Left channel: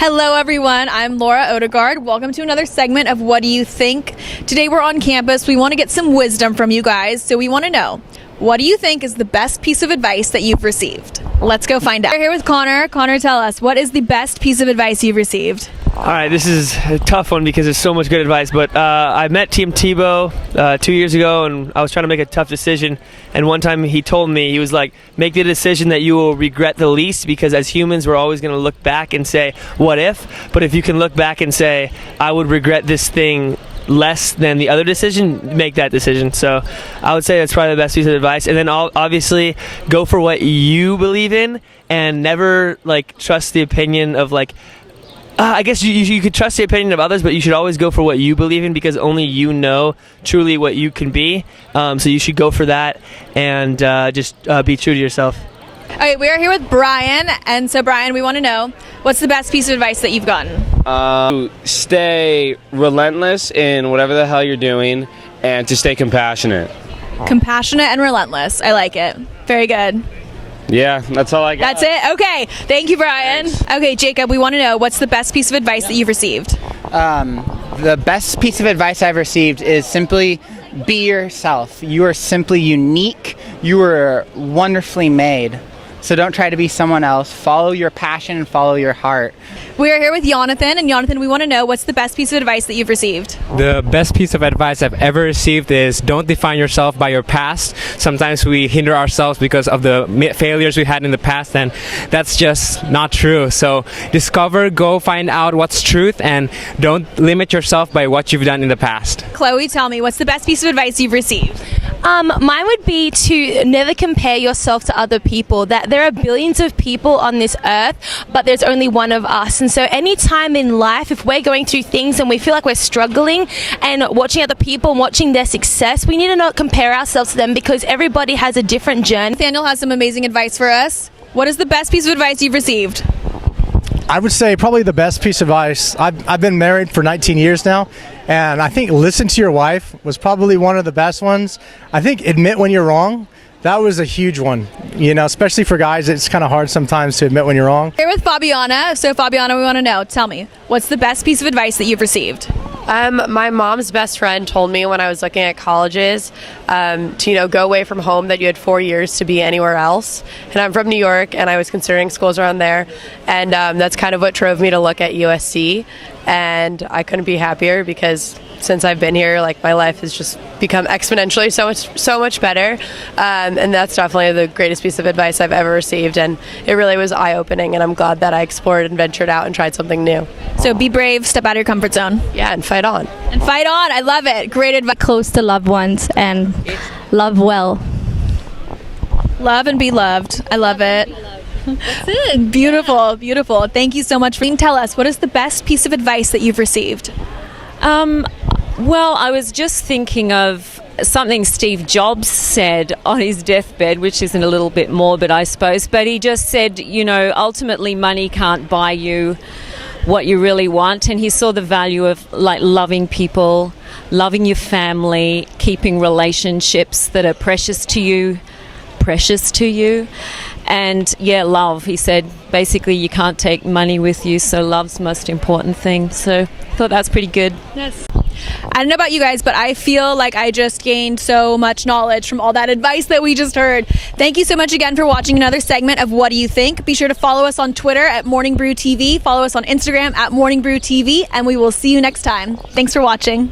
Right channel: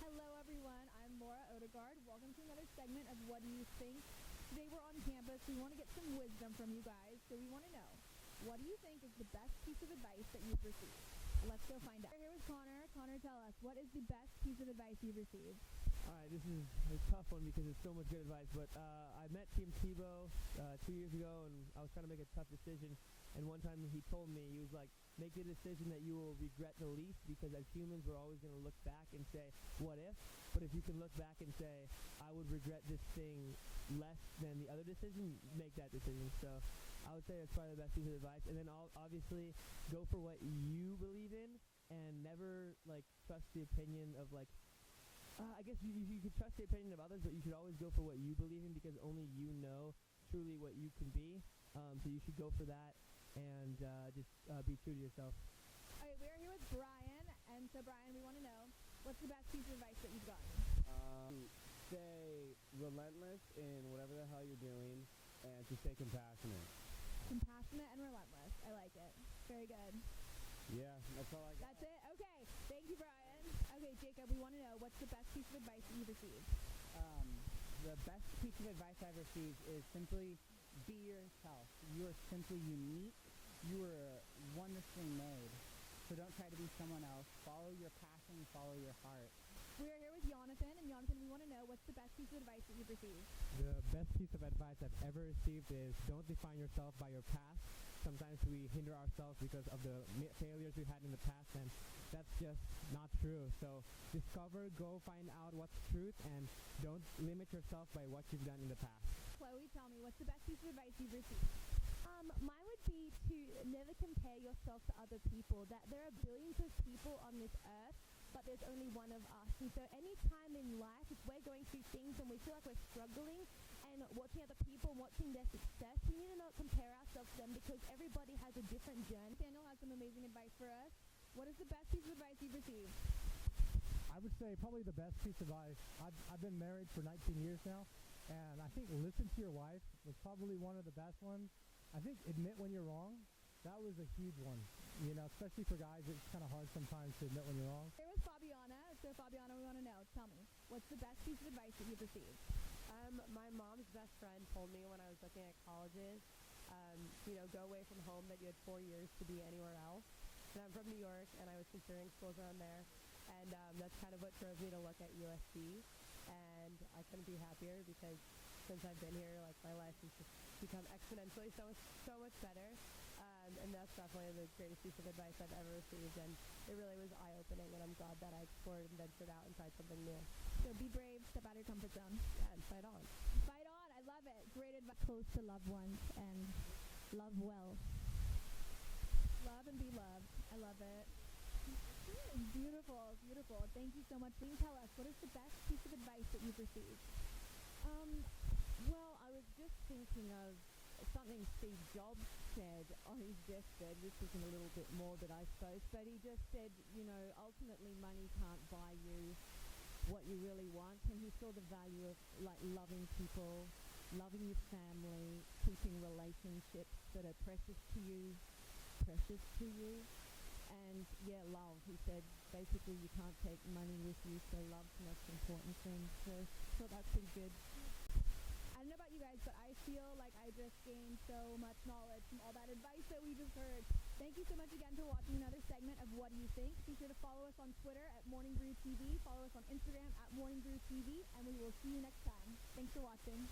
Hello everyone, I'm Laura Odegard. Welcome to another segment of What Do You Think? Today we're on campus. We want to get some wisdom from you guys, so we want to know, what do you think is the best piece of advice that you've received? Let's go find out. We're here with Connor. Connor, tell us, what is the best piece of advice you've received? All right, this is a tough one because there's so much good advice, but I met Team Tebow 2 years ago, and I was trying to make a tough decision, and one time he told me, he was like, make the decision that you will regret the least, because as humans we're always going to look back and say, what if? But if you can look back and say, I would regret this thing less than the other decision, make that decision. So I would say that's probably the best piece of advice. And then obviously go for what you believe in, and never trust the opinion of I guess you could trust the opinion of others, but you should always go for what you believe in, because only you know truly what you can be. So you should go for that and just be true to yourself. All right, we are here with Brian, and so Brian, we want to know, what's the best piece of advice that you've gotten? Stay relentless in whatever the hell you're doing, and to stay compassionate. Compassionate and relentless. I like it. Very good. Yeah, that's all I got. That's it? Okay. Thank you, Brian. Thanks. Okay, Jacob, we want to know, what's the best piece of advice that you've received? The best piece of advice I've received is simply be yourself. You are simply unique. You are wonderfully made. So don't try to be someone else. Follow your passion and follow your heart. We are here with Jonathan, and Jonathan, we want to know, what's the best piece of advice that you've received? The best piece of advice I've ever received is don't define yourself by your past. Sometimes we hinder ourselves because of the failures we had in the past, and that's just not true. So discover, go find out what's truth, and don't limit yourself by what you've done in the past. Chloe, tell me, what's the best piece of advice you've received? Mine would be to never compare yourself to other people, that there are billions of people on this earth, but there's only one of us. And so any time in life, if we're going through things and we feel like we're struggling and watching other people and watching their success, we need to not compare ourselves to them, because everybody has a different journey. Nathaniel has some amazing advice for us. What is the best piece of advice you've received? I would say probably the best piece of advice. I've been married for 19 years now, and I think listen to your wife was probably one of the best ones. I think admit when you're wrong. That was a huge one, especially for guys. It's kind of hard sometimes to admit when you're wrong. Here with Fabiana. So Fabiana, we want to know, tell me, what's the best piece of advice that you've received? My mom's best friend told me when I was looking at colleges to go away from home, that you had 4 years to be anywhere else. And I'm from New York, and I was considering schools around there, and that's kind of what drove me to look at USC. And I couldn't be happier, because since I've been here, my life has just become exponentially so much better. And that's definitely the greatest piece of advice I've ever received. And it really was eye-opening, and I'm glad that I explored and ventured out and tried something new. So be brave, step out of your comfort zone. Yeah, and fight on. And fight on. I love it. Great advice. Close to loved ones and love well. Love and be loved. I love it. That's it. Beautiful, beautiful. Thank you so much. Tell us, what is the best piece of advice that you've received? Well, I was just thinking of something Steve Jobs said on his deathbed, which isn't a little bit morbid, I suppose, but he just said, ultimately money can't buy you what you really want, and he saw the value of loving people, loving your family, keeping relationships that are precious to you. And love. He said basically you can't take money with you, so love's the most important thing. So I thought that's pretty good. Yes. I don't know about you guys, but I feel like I just gained so much knowledge from all that advice that we just heard. Thank you so much again for watching another segment of What Do You Think? Be sure to follow us on Twitter at Morning Brew TV, follow us on Instagram at Morning Brew TV, and we will see you next time. Thanks for watching.